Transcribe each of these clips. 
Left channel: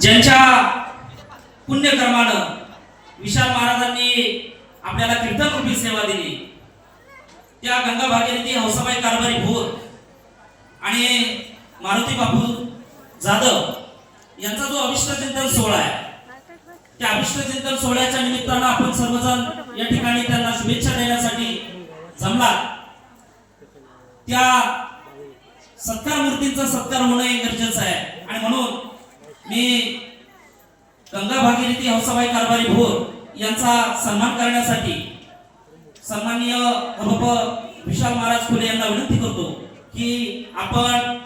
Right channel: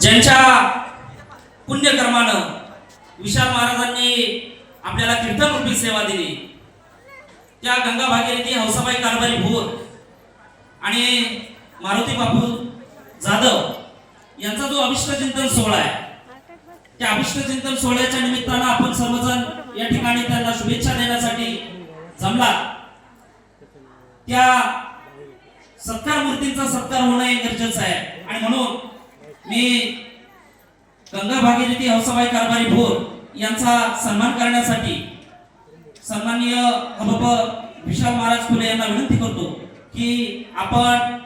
ज्यांच्या पुण्यकर्मानं विशाल महाराजांनी आपल्याला कीर्तनरूपी सेवा दिली. त्या गंगा भागीरथी हौसाबाई कारभारी भोर आणि मारुती बापू जाधव यांचा जो अभिष्ट चिंतन सोहळा आहे त्या अभिष्ट चिंतन सोहळ्याच्या निमित्तानं आपण सर्वजण या ठिकाणी त्यांना शुभेच्छा देण्यासाठी जमला त्या सत्कार मूर्तींचा सत्कार होणं हे गरजेचं आहे. आणि म्हणून मी गंगा सवाई कारभारी भोर यांचा सन्मान करण्यासाठी सन्माननीय हबप विशाल महाराज फुले यांना विनंती करतो की आपण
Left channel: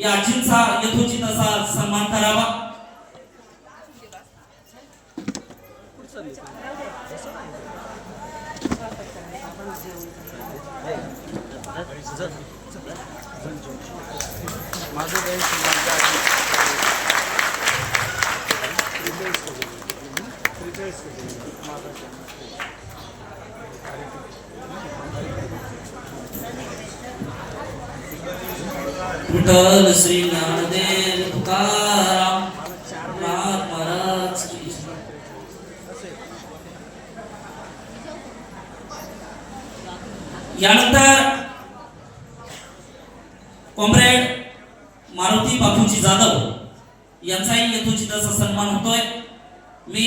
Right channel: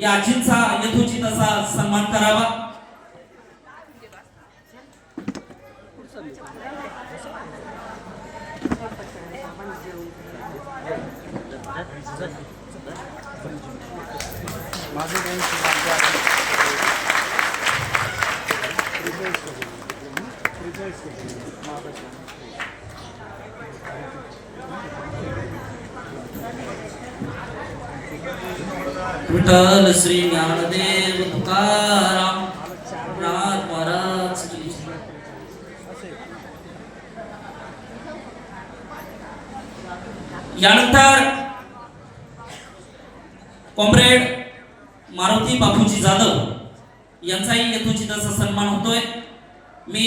या आजींचा यथोचित असा सन्मान करावा. विठ्ठल श्री ज्ञानदेव तुकाराम नाथ महाराज की यानंतर कॉम्रेड मारुती बापूजी जाधव यांचाही यथोचित असा सन्मान होतोय. मी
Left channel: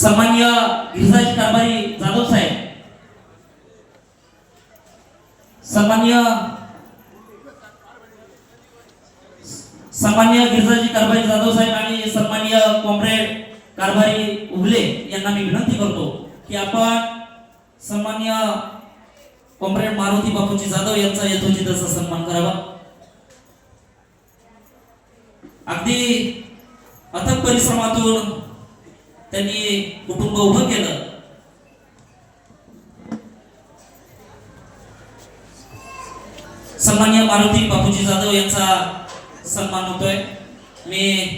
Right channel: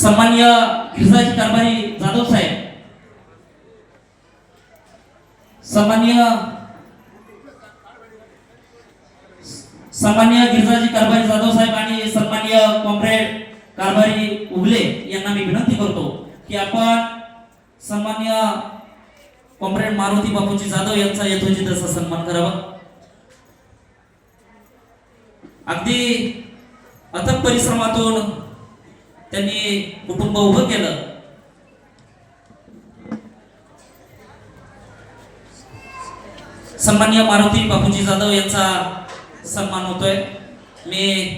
सन्मान्य गिरिजाजी कारभारी जाधव साहेब. सन्मान्य सन्मान्य गिरिजाजी कारभारी जाधव साहेब आणि सन्मान्य कॉम्रेड कारभारी उगले यांना मी विनंती करतो की आपण सन्मान्य कॉम्रेड मारुती बापूजी जाधव यांचा यथोचित असा सन्मान करावा. अगदी अथक परिश्रमातून त्यांनी कुटुंब उभं केलं. सन्मान्य मारुती बापूजी जाधव यांचा सन्मान होतोय. मी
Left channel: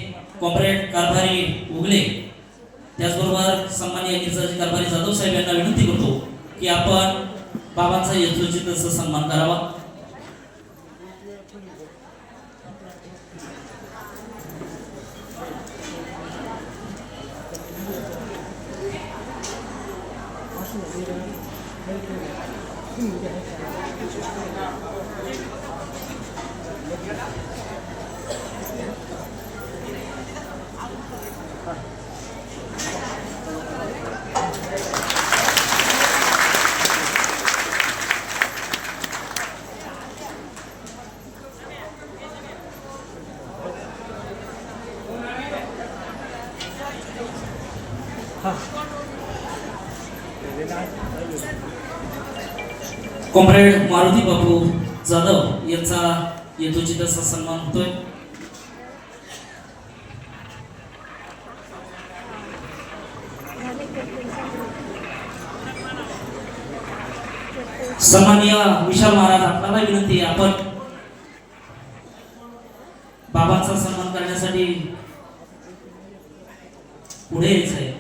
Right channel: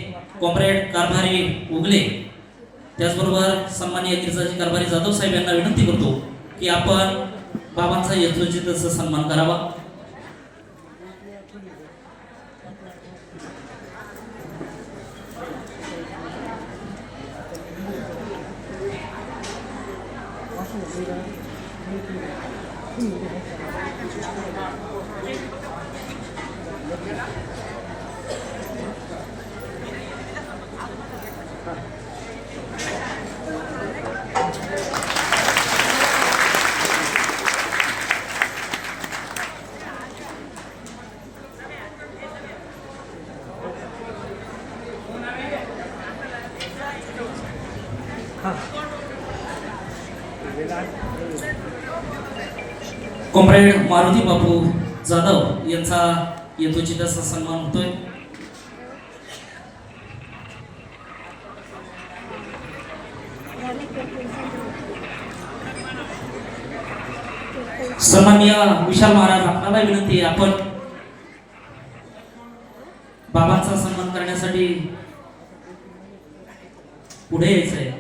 कॉम्रेड कारभारी उगले. त्याचबरोबर सन्मान्य गिरजाजी कारभारी जाधव साहेब यांना विनंती करतो की आपण बाबांचा यथोचित असं सन्मान करावा. ハイキングで。कॉम्रेड मारुती बापू जाधव यांचा यथोचित असा सन्मान होतोय. सन्मान्य विशाल महाराज आपल्याला विनंती आहे आपण बाबांचा सन्मान करण्यासाठी पुढे यायचं आहे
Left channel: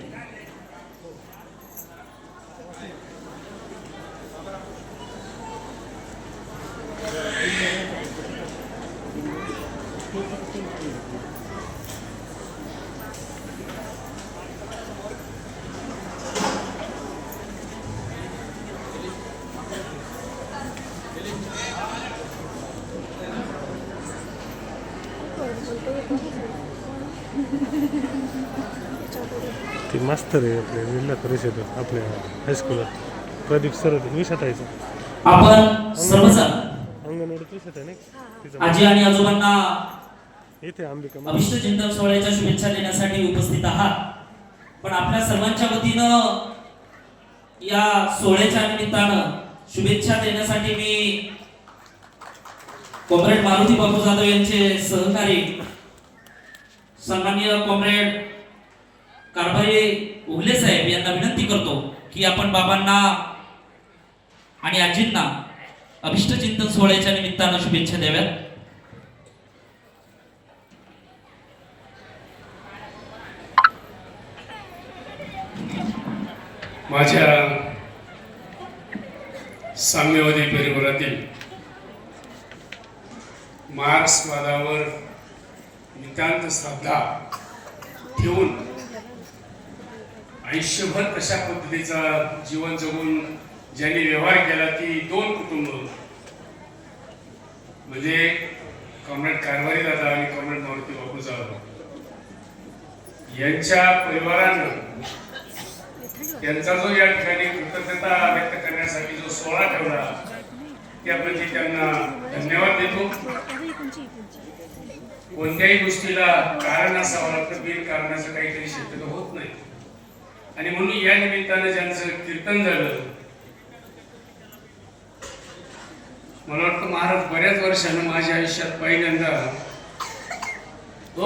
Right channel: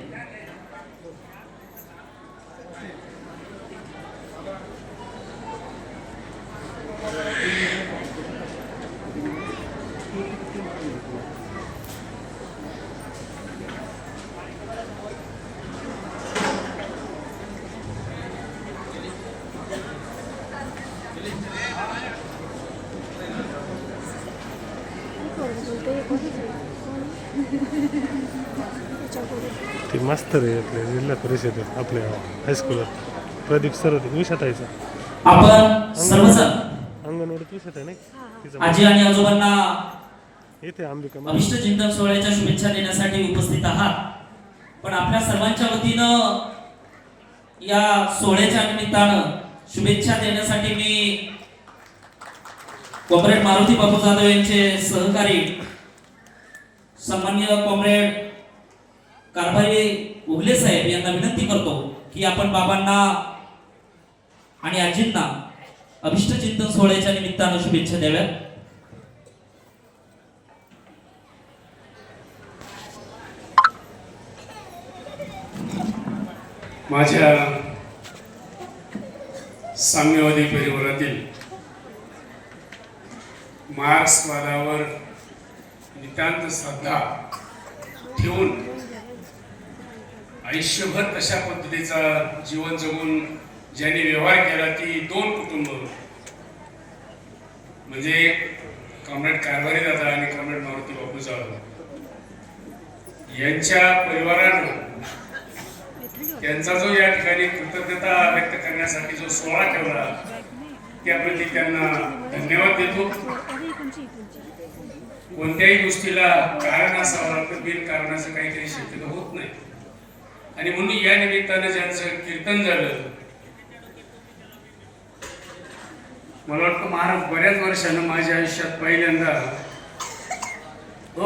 ते मास्तर आहे आपल्या जिल्हा परिषद आपल्या हायस्कूलला प्रदीप सर होते विषातायचा आपण विषात आहे तिचा आजी आणि आजोबांना येते अंबिका अभिष्ट चिंतन सोहळ्याच्या शुभेच्छा देण्यासाठी उपस्थित आहात. पण आपल्या सर्वांच्या वतीनं या सोहळ्याच्या निमित्तानं शुभेच्छा देण्यासाठी मी कॉम्रेड मारुती बापू जाधव यांचे सहकारी सन्माननीय कॉम्रेड कारभारी उगले साहेब यांना विनंती करतो की आपण बाबांना आणि आजींना अभिष्ट चिंतन सोहळ्याच्या निमित्तानं शुभेच्छा द्याव्यात माझ्या साम्यवादी परिवारातील मार्क्सवादावर नितांत श्रद्धा ठेवून आयुष्यभर कशा पद्धतीचा जीवन जगून ज्यांनी व्यवहार केला ती दोन कुटुंब म्हणजे कॉम्रेड कारभारी दादा आणि कॉम्रेड मारुती बापू जाधव यांच्या परिवारानं त्यांचा जो या ठिकाणी कृतज्ञता व्यक्त करण्यासाठी जो सोहळा ठेवला त्याप्रती त्यांना धन्यवाद देतो. कोणत्याही गोष्टीला कारण असावं लागतं बिन कारणाचं काहीतरी शक्यता होत नाही. आणि म्हणून या निमित्तानं ज्यांचं कीर्तन झालं मला वाटतं महाराज बऱ्याच वर्षानं माझ्या आयुष्यात पहिल्यांदा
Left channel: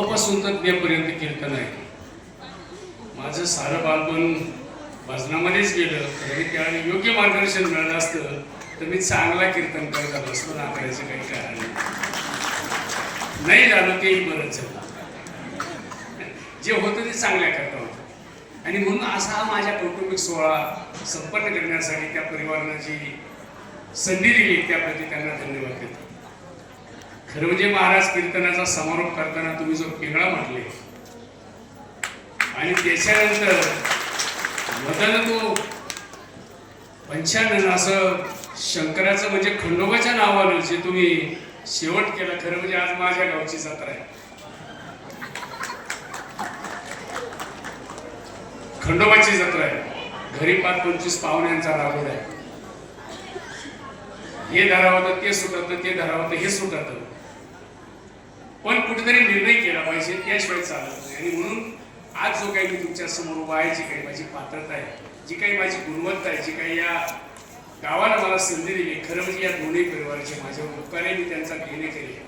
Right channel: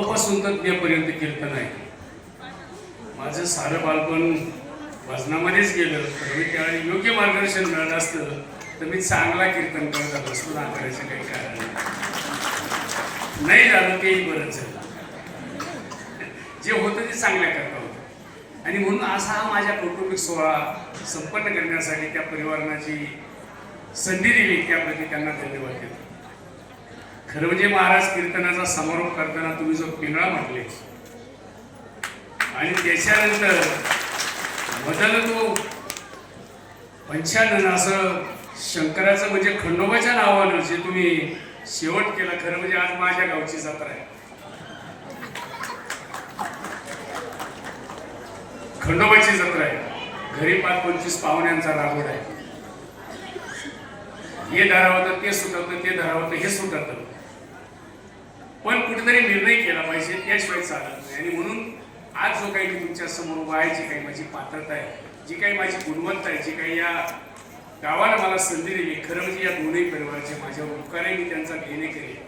अपासून तर कीर्तन आहे माझं सारं बालपण भजनामध्येच गेलं. आणि त्यावेळी योग्य मार्गदर्शन मिळालं असतं तर मी चांगला कीर्तन करत आलो असतो. नाकारायचं काही कारण नाही. नाही झालं तेही बरंच झालं. जे होतं ते चांगल्या करता होतं. आणि म्हणून असा हा माझ्या कौटुंबिक सोहळा संपन्न करण्यासाठी त्या परिवाराची संधी दिली त्याप्रती त्यांना धन्यवाद देतो. खरं म्हणजे महाराज कीर्तनाचा समारोप करताना तुम्ही जो पिंगळा म्हटले आणि त्याच्यानंतर बदल तो पंचानन असं शंकराचं म्हणजे खंडोबाच्या नावानं जे तुम्ही शेवट केलं खरं म्हणजे आज माझ्या गावची जत्रा आहे. खंडोबाची जत्रा आहे. घरी पाच पंचवीस पाहुण्यांचा रागोड आहे. हे धरावं ते सुटत ते धरावं हे सुटत पण कुठेतरी निर्णय केला पाहिजे त्याशिवाय चालत नाही. आणि म्हणून आज जो काही मी तुमच्यासमोर उभा आहे जी काही माझी पात्रता आहे जी काही माझी गुणवत्ता आहे जी काही या गावाला मला संधी दिली खरं म्हणजे या दोन्ही परिवाराचे माझ्या उपकारही मी त्यांचा घेणे केले.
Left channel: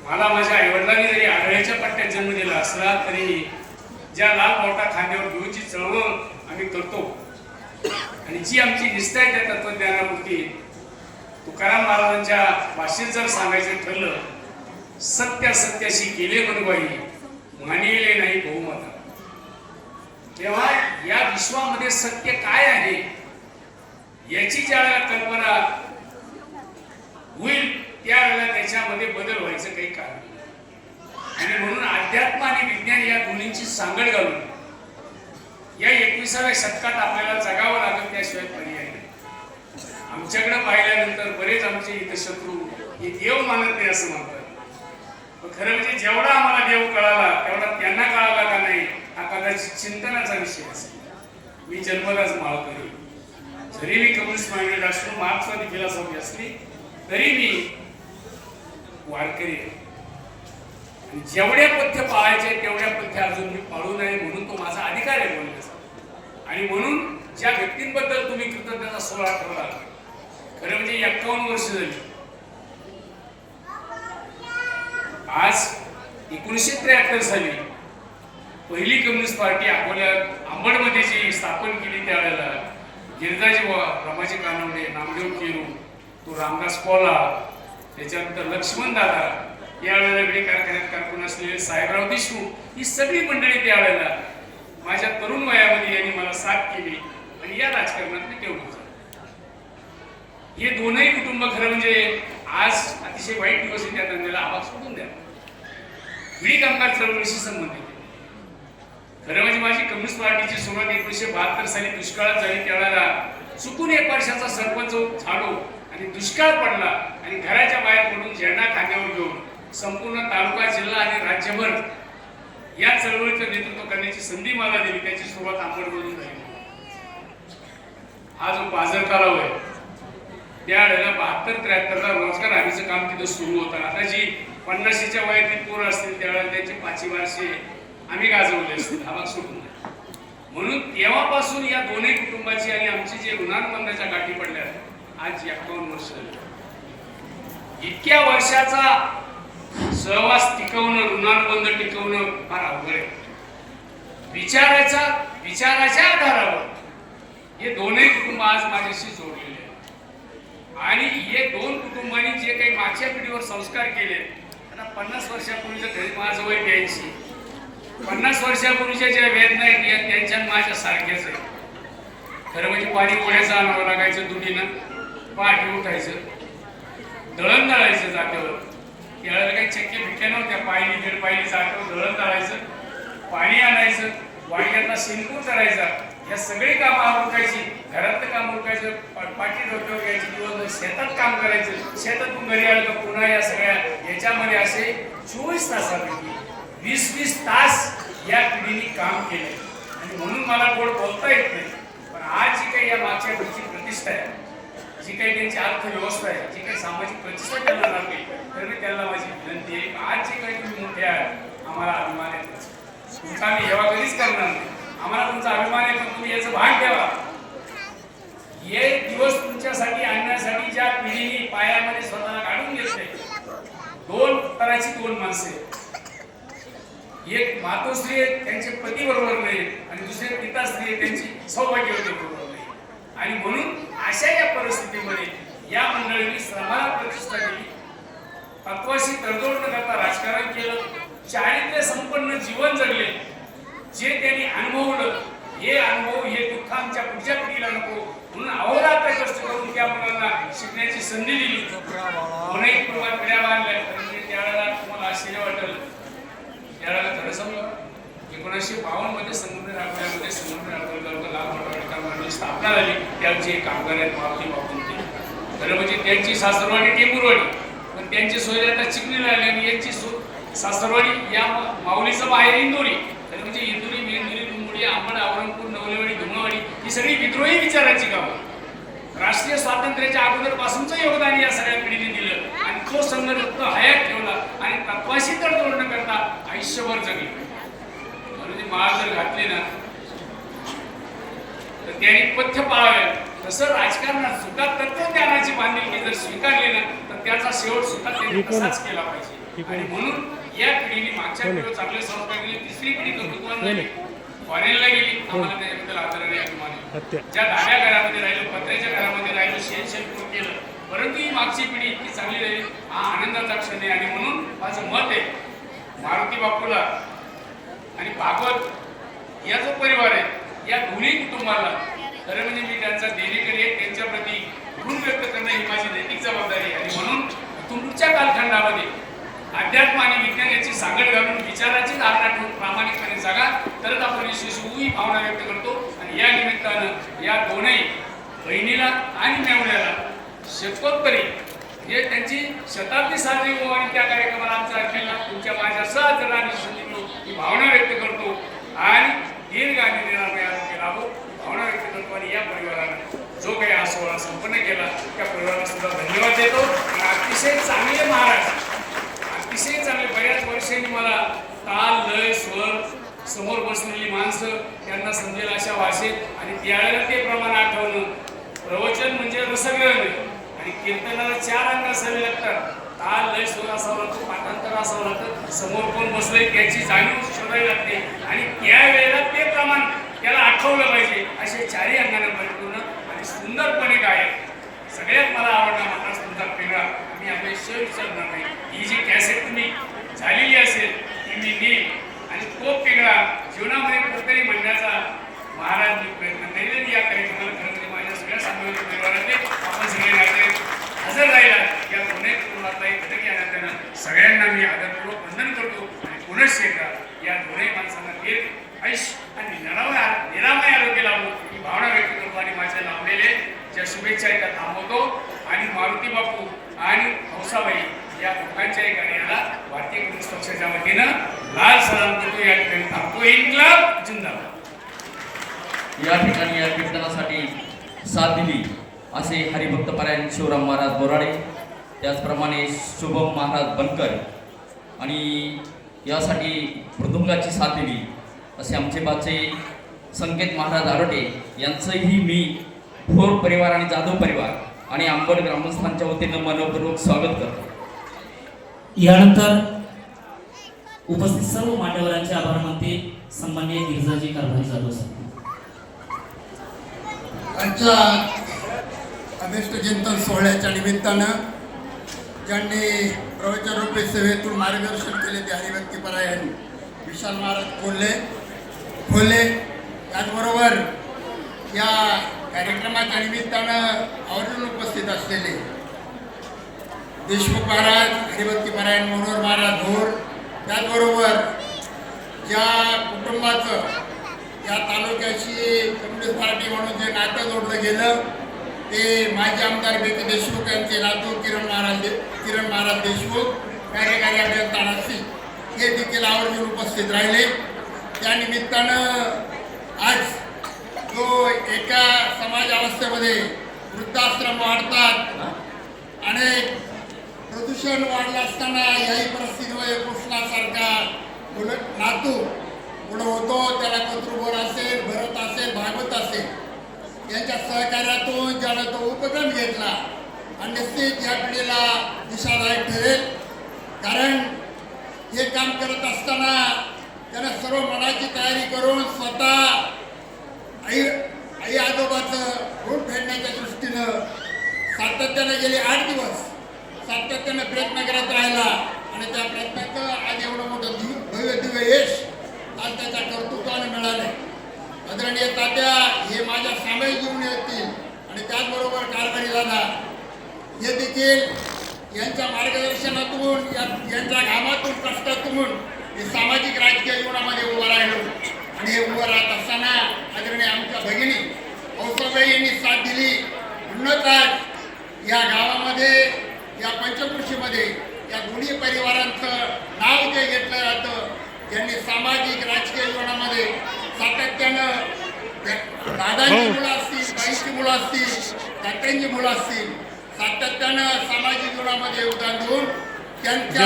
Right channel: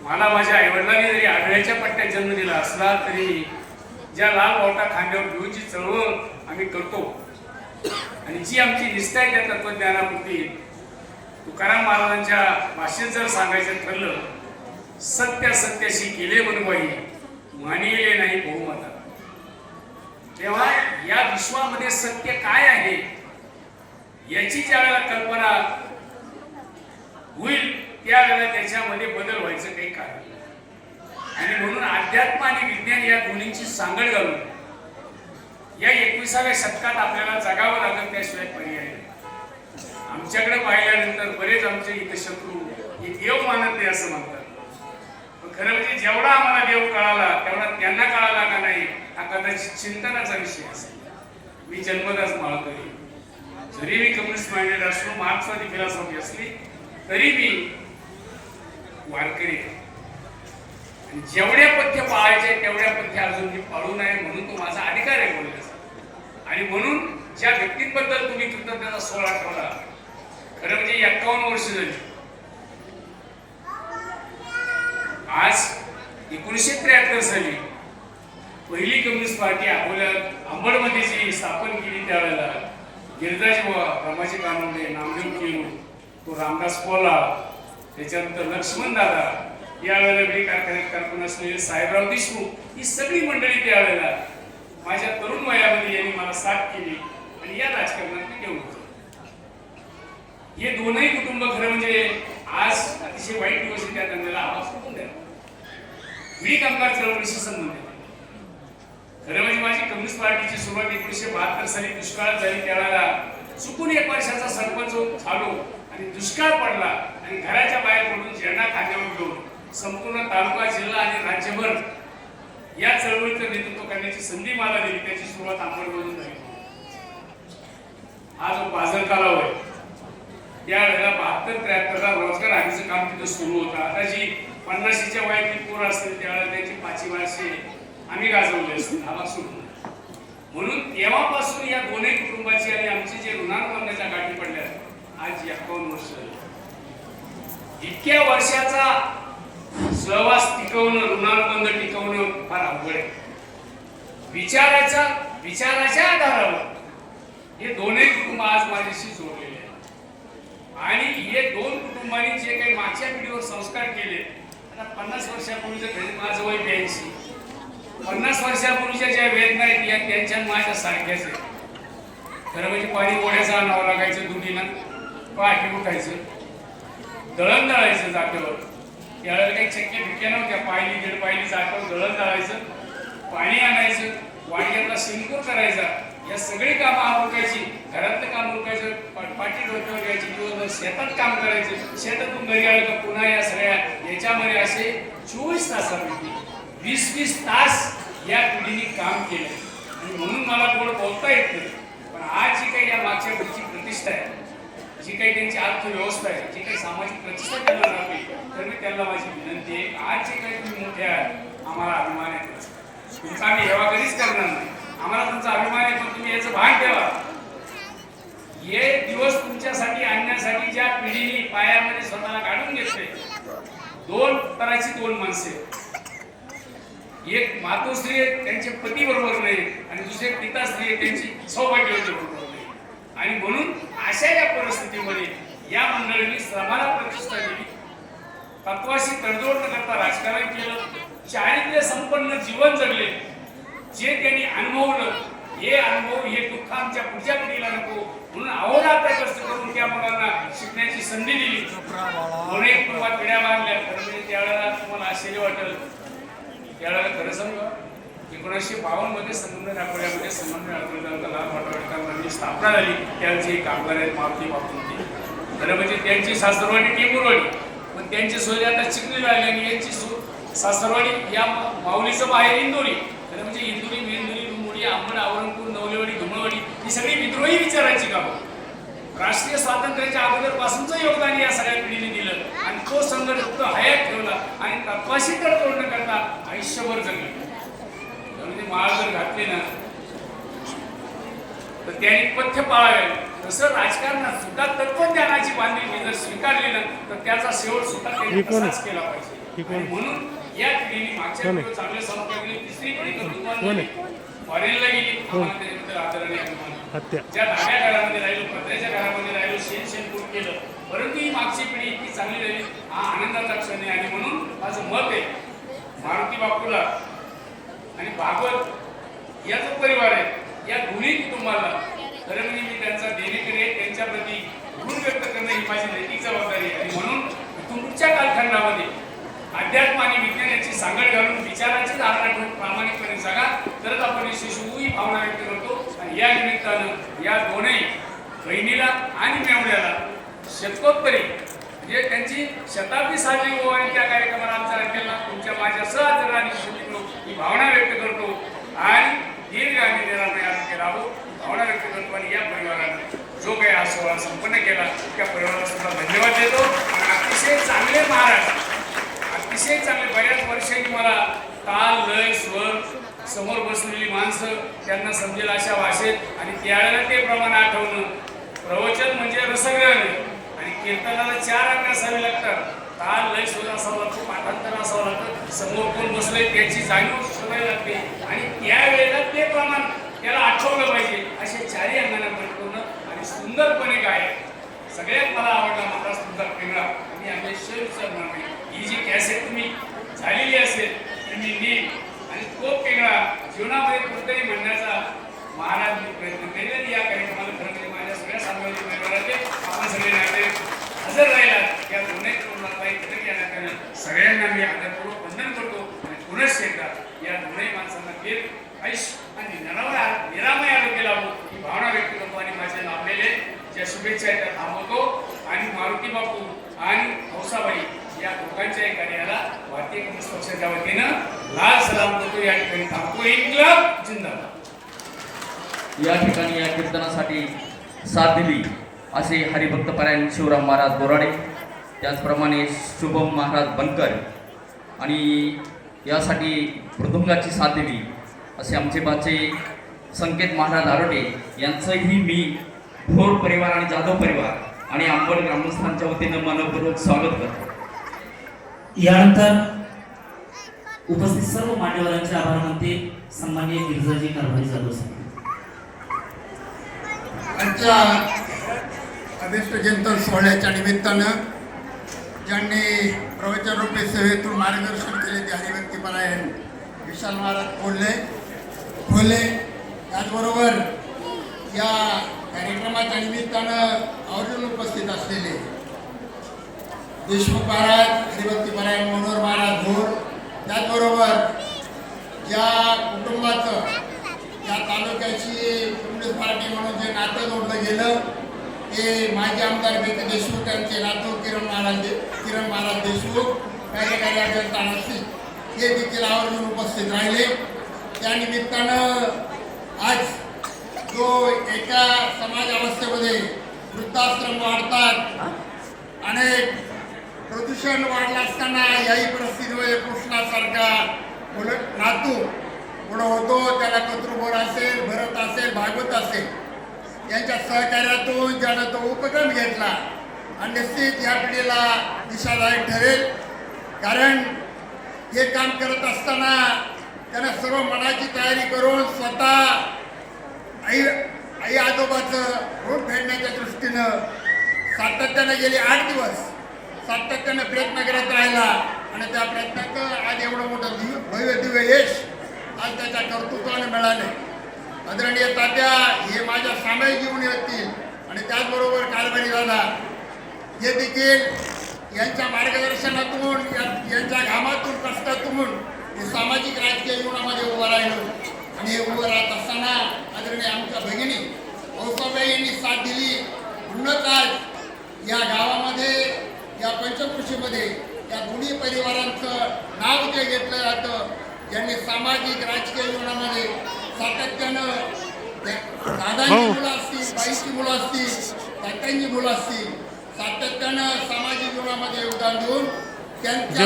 मला माझ्या आईवडिलांनी जरी आढळ्याच्या पट्ट्यात जन्म दिला असला तरी ज्या लाल बावटा खांद्यावर घेऊनची चळवळ आम्ही करतो. आणि जी आमची निष्ठा आहे त्या तत्वज्ञानापुरती तुकाराम महाराजांच्या भाषेत जर सांगायचं ठरलं सत्य सत्याशी गेले म्हणून मानिले नाही बहुमता तेव्हा या विश्वामध्ये सत्य काय आहे याची ज्या वेळेला कल्पना होईल त्यावेळेला त्याच्यामध्ये बदल व्हायचं काही कारण आणि म्हणून अध्यात्म आणि विज्ञान या दोन्हींची सांगड घालून या एकविसाव्या शतकात आपल्याला जगावं लागेल त्याशिवाय पर्याय आमच्याकडे पाहिल्यानंतर बरेच आमचे इथे शत्रू हे देव मानत नाही असं म्हणतात. खरं म्हणजे जेवढा आम्हाला देव कळाला तेवढा त्यांना कळाला का नाही हा कदाचित चिंतनाचा विषय असेल. मी जन्मदास माळकरी. जरी मी कम्युनिस्ट माइंडेड असलो मार्क्सवादी फिलॉसॉफी असली तरी मी वारकरी जेवढ्या जेवढे पथ्य पाळायचे तेवढ्या पथ्य अजून मी पाळू नये म्हणून तो माझा अधिकार आहे बोलण्याचा आणि म्हणून ज्या व्यक्तींबद्दल तुम्ही कृतज्ञता सोहळा ठेवला खरं म्हणजे एक्कावन्न वर्ष झाली. आज एकोणीसशे त्र्याहत्तर साली पहिली कम्युनिस्ट पार्टी अकोल्यात अंबडमध्ये जी स्थापन केली त्यावेळेला गिरजाजी बुवा रामाजी कानंदे नामदेव केरू तो रामदास कोला त्याच्यानंतर लक्ष्मण दादा यावेळेला वेळी कारखान्यात कारकून असलेले साहेबराव देशमुख ही सगळी मंडळी त्यावेळेला माझ्या तरुण वयामध्ये साथ केली आणि या राजकारणात मी ठेवलं हे दोनही कुटुंब खरं म्हणजे आज अतिशय वाईट दिवस आहे त्या धंद्याला आवाज कुठून द्या. मी कामगार चळवळीशी संबंधित खरं म्हणजे माझी कम्युनिस्ट पार्टीची सुरुवात एकोणीसशे बहात्तर साली दुष्काळात झाली त्यावेळेला चुकून एक वर्षाचा सरपंच झालो आणि दुष्काळ पडला आणि घराच्या बाहेर पडून झेंडा खांद्यावर घेऊन संपूर्ण तालुका जिल्हा आणि राज्यभर या चळवळीचं नेतृत्व करण्याची संधी मला दिली त्याची सुरुवात अंबडमधून झाली. हा जो बाजार तलाव आहे त्यावेळेला बहात्तर त्र्याहत्तरला रोजगार हमीचं काम तिथं सुरू होतं. आता जी पन्नाशीच्या वयातील पोरं असतील त्यावेळेला त्यांची पाचवी वर्षे आम्ही गाजवले असतील हा भाग सुरू म्हणून तेव्हापासून या दोन्ही कुटुंबाची आणि आमची जे ऋणानुबंधाच्या गाठी पडल्या आज एकावन्न वर्ष इतक्या वर्षाचा सहवास टिकवणं ऋणानुबंध टिकवणं विचाराचा विचाराच्या आधारावर. हे दोन्ही कुटुंब आज माझ्याशी जोडलेले आहेत. आणि हे दोन कुटुंबांनी जे काही मागच्या पिढीवर संस्कार केले आता पन्नास वर्षापूर्वीचं माझं वय घ्यायची पन्नास वर्षापूर्वीच्या ज्या वेदना आहेत या त्यांच्या माझ्या सारख्याच आहेत. खरं म्हणजे पाणी पोळ्याचं आणावं लागायचं दुखीनं पहाटे उठायचं दळण दळायचं जागेवर. त्यावेळेला काही चक्की भिक्क्या नव्हत्या पायली दीड पायली जागेवर दळण दळायचं पाणी आणायचं शिंकू करायचा. या सगळी कामं आवडकायची घरातलं काम उरकायचं पाठी डोक्यावर घ्यायची दिवसभर शेतात काम करायचं. शेतातून घरी आलं का पुन्हा या सगळ्या याच्यामध्ये असे चोवीस तासापैकी वीस वीस तास या पिढीने काम केलं. आणि म्हणून मला गोड बोलता येत नाही. पण आज जी काही या मागच्या गोष्टी प्रतिष्ठा आहे जी काही त्यांची अर्थव्यवस्था आहे जी काही सामाजिक प्रतिष्ठा त्यांना लागली तर मी त्यांना माझी विनंती आहे आज जे काही तुम्ही मोठे आहात आम्हाला अभिमान येतो तुमचा आम्ही हेवा कधीच करणार नाही. आम्हाला तुमचा अभिमान आहे तुम्ही याचं भाग ठेवा. हे दिवस तुमच्यासाठी आणण्यासाठी ज्या पिढीने पायामध्ये स्वतःला काढून घेतले दोन तराची दोन माणसे. एक मातोश्री आहे, त्यांचे पती बरोबर नाही आणि दुसरे पिताश्री आहे, त्यांची सौभाग्यवती बरोबर नाही. आणि म्हणून अशा या परिस्थितीमध्ये या मंडळींनी श्रमाला प्रतिष्ठा केली. तत्वाशी तडजोड न करता राजकारण केलं. चारित्र्य संपन्न जीवन जगले. जे त्यांनी अनुभवलं हे अनुभव हे दुःख आमच्या पुढच्या पिढीला नको. म्हणून अहोरात्र कष्ट करून त्या मुलांना शिकण्याची संधी दिली. दोनही कुटुंबात पिढ्या मारल्या परंतु त्यावेळेला तुम्हाला आश्चर्य वाटेल. त्यावेळेला खरं समजा एकोणीसशे बावन्नमध्ये संबंध दाखवल्यामध्ये संबंध नागपूरला वाटावडकामांची स्थापना झाली. त्यांची एक कामगार आहेत मारुती बापूंची खरं म्हणजे त्यांची सासरवाडी टेंबुरवाडी पण त्यांची सोय आता चिकणी लागली आणि यांची सो सासरवाडी या माऊलीचं बाहेर इंदोरी मुंबई अंबड आवरणपूर नवलेवाडी धुमवाडी ही सगळी विद्रोही विचारांची गावं. राष्ट्रीय स्वातंत्र्याच्या अगोदर पासूनचं योगदान या सगळ्या पिढीने दिलं आणि तो संघर्ष हयात ठेवला आणि तत्वाशी तर तोड न करता आयुष्यभर जगले. म्हणजे माळ जर घातली ना तर त्यांनी पथ्य पाळावे तसं राजकारणात सुद्धा तत्वज्ञानाची बांधिलकी जर स्वीकारली ना तर त्याचा शेवट सुद्धा त्यांनी? तसाच केला पाहिजे? म्हणून या पिढीने मागच्या चांगले संस्कार तिसरी पिढी फॉरेनला गेली. त्याच्याबद्दल आदरणीय अभिमान आहे. हत्या. ज्या डाव्या घरामध्ये राहिलो पत्र्याच्या घरामध्ये राहिलो शेण शेणपूर केलं? परंतु ही मागची पिढी इतकी चांगली राहिली हा आनंदाचा क्षण आहे. आणि म्हणून माझं मत आहे मारुती बापूला आणि भागवत या जो परिवार आहे या दोन्ही कुटुंबाला खरं म्हणजे मी त्यांचा देणेकरी आहे त्यांच्या प्रती ऋण व्यक्त करणं ही माझी नैतिक जबाबदारी आहे. आणि म्हणून तुमच्या कालखंडामध्ये अध्यात्म आणि विज्ञानाची सांगड घालून विचाराची धारणा ठेवून प्रामाणिकपणे जागा तरच आपण यशस्वी भावना व्यक्त करतो. आणि या निमित्तानं या दोनही बहिणीला आणि मेवण्याला शतकोत्तरी म्हणजे त्यांची शताब्दी साजरी हो आणि त्या कार्यक्रमाला आमचा अखेरला तुमच्या माझ्या सहजराने संधी मिळू ही भावना व्यक्त करतो आणि दीर्घ आणि निरामय आरोग्य राहो ही भावना व्यक्त करतो आणि या परिवारानं जो काही हा सोहळा संपन्न केला त्या परिवाराला सुद्धा धन्यवाद देतो आणि अतिशय चांगले महाराज अतिशय चांगले बऱ्याच वर्षांनी मला ताल लय स्वर समोर बसलेली माणसं त्यांना समजेल अशा भाषेत आणि त्यावेळेला ते प्रमाण आठवणं प्रवचन म्हणजे रसग्रहण आणि कीर्तनाला चार अंग असावे लागतात ताल लय स्वर असावं लागतो पाठांतर असावं लागतं समोर कोण त्याची जाणीव शोधायला लागते आणि त्यावेळेला ते प्रमाण त्याला आठवलं पाहिजे. असे चारही अंगाने परिपूर्ण आणि सुंदरपणे काय सगळ्यात मला आवडला होता सुंदर पिंगळा. मी अपेक्षा विचारणार नाही. ही जी कॅसेट तुम्ही झालेली असेल ती मी नेईन आणि तो पिंगळा. जीवनामध्ये कुठेतरी म्हणण्याचा महाराज मी प्रयत्न करेल या कार्यक्रमाला खरं म्हणजे माझ्या सगळ्या सामाजिक परिवाराचे आपण सगळे नाते हजर राहिला या दोन्ही कुटुंबातला एक घटक या नात्यानं सगळ्यांना मी आदरपूर्वक वंदन करतो. गुणशेखर या दोन्ही माणसांना दीर्घ ऐश आणि निरामय निरामय आरोग्य लावलो ही भावना व्यक्त करतो आणि माझ्या लाभलेले ज्या शुभेच्छा एका थांबवतो. आणि मारुती बापू आणि हौसाबाई या दोघांच्याही कार्याला भारतीय कम्युनिस्ट पक्षाच्या वतीनं लाल सलाम करतो या ठिकाणी थांबतो एक क्लब जिंदाबाद. या ठिकाणी या कीर्तनासाठी साथ दिली असे हरिभक्त परायण शिवराम महाराज बोराडे त्याचप्रमाणे शुभम महाराज बनकर आणि यासाठी मृदुंगाची साथ दिली. असे आमचे बाचे संकेत महाराज आरोटे यांचंही मी भोर परिवार आणि जाधव परिवार आणि अंबड ग्रामस्थांच्या वतीनं मनपूर्वक स्वागत करतो. यानंतर उपस्थित सर्व मान्यवरांचे आभार मानते सन्मान्य गिरिजाजी कारभारी साहेब. आजच्या अभिष्ट चिंतन सोहळ्याच्या निमित्तानं ज्यांनी प्रवचनरूपी सेवेतून मार्गदर्शन केले ते हरिभक्ती परायण विशाल महाराज कोल्हे खोले त्याचबरोबर या कार्यक्रमाच्या निमित्तानं आवर्जून उपस्थित असलेले देशमुख महाराज हरिभक्ती परायण मनोहर महाराज भोर त्याचबरोबर ज्या कुटुंबाचं या तालुक्याची कम्युनिस्ट पार्टी म्हणून जे नातं जोडलं गेलं ते माजी आमदार बी पी देशमुख यांचे नातू किरण महाराज दे- किरण महाराज देशमुख कार्यकारी अभियंता नाशिक हे देखील आवर्जून उपस्थित राहिले. त्या निमित्तानं आज जो एका समाज अवस्थेमध्ये वृद्धाश्रम वाढतात अनेक प्रदूषण वाढलं असताना याही परिस्थितीमध्ये कृष्णासारखा उलट नातू पुढं होतो त्याला कतृभोर असेल भरत असेल भागवत असेल. यांच्या सहकार्यातून ज्यानं तो उपक्रम घेतला आणि निश्चित या पिढीला दिशादायक ठरेल. कारण हे काम करत असताना त्यांना सर्व मनाची तयारी करून स्वतः आई आई आजोबाचं ऋण फेडण्याच्या दृष्टीनं सातत्यानं गेले आठ दिवस सातत्यानं प्रयत्न करत राहिला आणि त्या प्रयत्नाचं आज एवढं मोठं दिव्य भव्य दिव्य यश आज त्याच्या कर्तृत्वानं मिळालं आदरणीय तात्या हे माझ्या सामायिक जीवनी असतील आणि त्याचबरोबर कारभारी दादा हे देखील यांच्या मार्गदर्शनातून या- यांच्या घामातून कष्टातून हे सामाजिक राजकीय जीवनामध्ये उभं राहिलो. आणि हे उभं राहत असताना आदरणीय आमच्या भगिनी औसाबाई यांनी साथ दिली. म्हणूनच आज या गावामध्ये या पंचकृषीमध्ये या दोन्ही परिवारांचं नाव जे घेतलं जातं त्यांनी सामाजिक राजकीय जीवनामध्ये सातत्यानं दादांची मुलं असतील ताईची मुलं असतील तात्यांची मुलं असतील सातत्यानं सामाजिक जीवनामध्ये योगदान देऊन त्यांच्या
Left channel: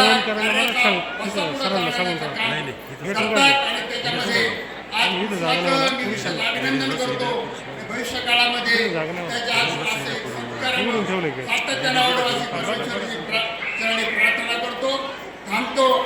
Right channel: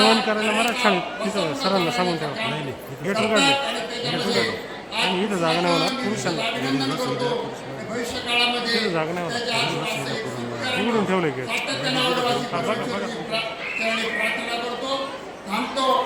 अभिनंदन करतो. भविष्य काळामध्ये सातत्यानं प्रार्थना करतो. थांबतो.